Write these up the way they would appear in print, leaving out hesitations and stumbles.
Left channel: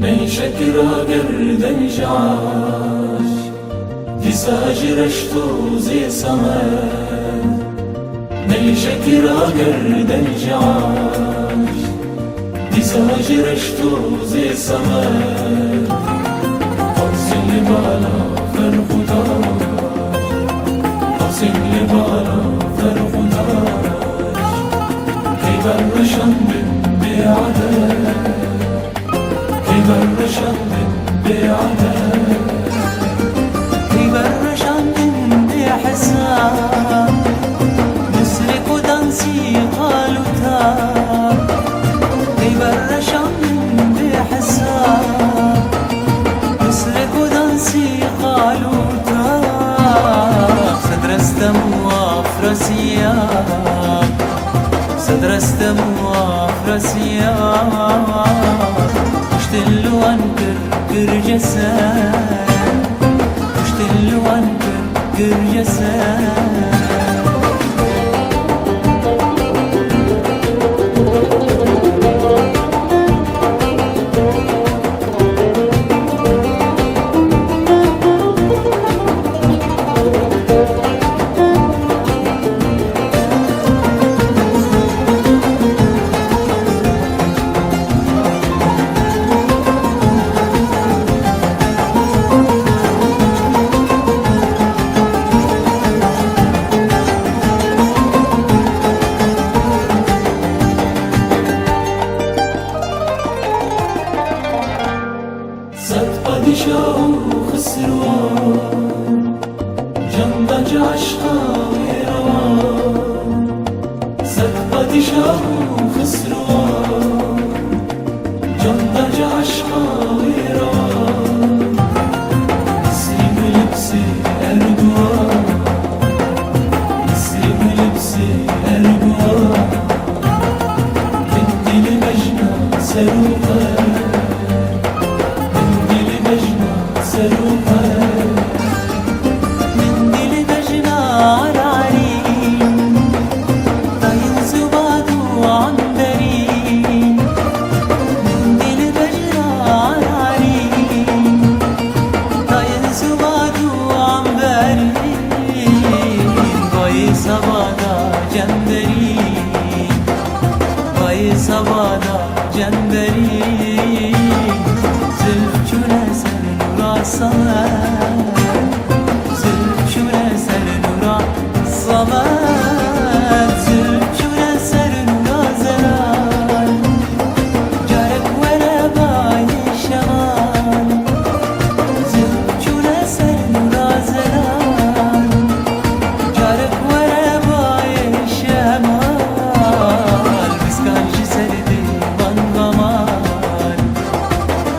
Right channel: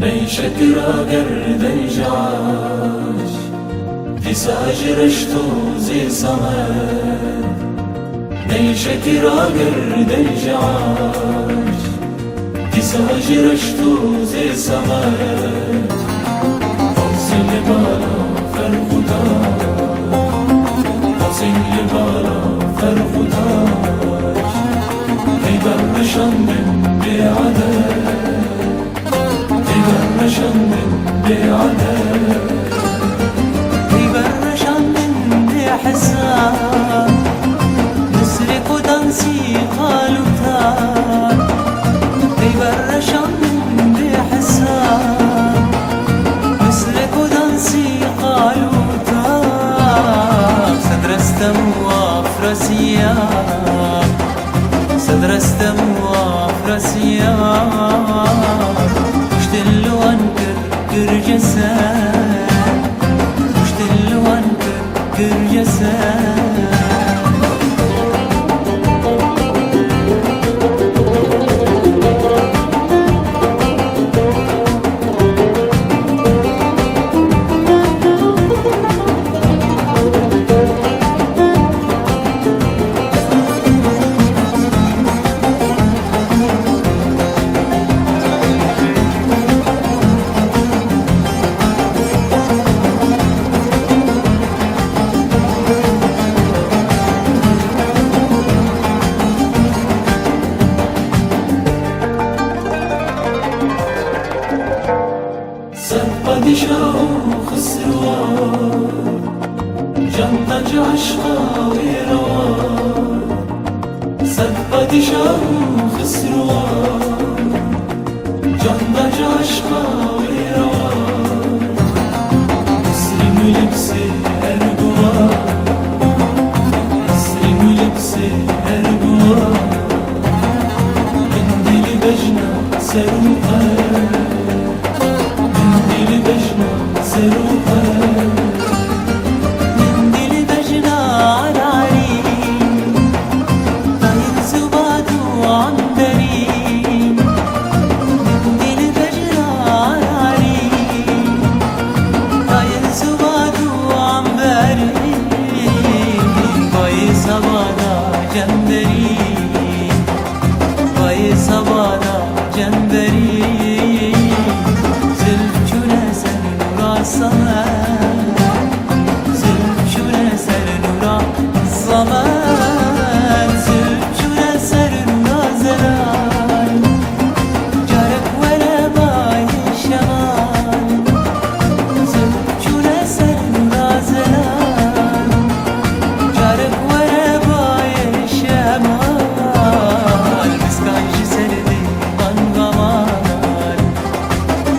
نيشكرا قردن جعاش تساجرشتو زي سمر نيشكرا قردن جعاش تساجرشتو زي سمر حسن لبالا فرقودا حسن لبالا فرقودا كيبرشن من بعدد كيبرشن من بعدد كيبرشن من بحزاب نسرق ودنسي قالوا تار كيبرشن من بحزاب نسرق ودنسي قالوا تار سدرستم وافرسياب سدرستم وافرسياب مشتلو انكر كرجسان مشتلو انكر كرجسان padişah خسروان جندج عشقا ويروان صد padişah خسروان جندج عشقا ويروان نسرم لبسي أرجوان نسرم لبسي أرجوان منديل بجنة سروقا منديل بجنا عرعرين طاين زبادو عنبرين منديل بجنا عرعرين طاين زبادو عنبرين باي سبادا جندرين باي سبادا جندرين زلف جلسة الصمد زلف شورى سر نورا الصمد زلف شورى سر نورا زلال جارك ولا باي الشمال زلف شورى سر نورا زلال جارك ولا باي الشمال بسكاج سردي من غمال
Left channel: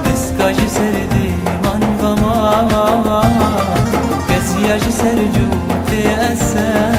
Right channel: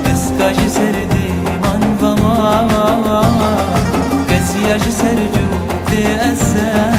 بسكاج سردي قزياج سرجو تأسى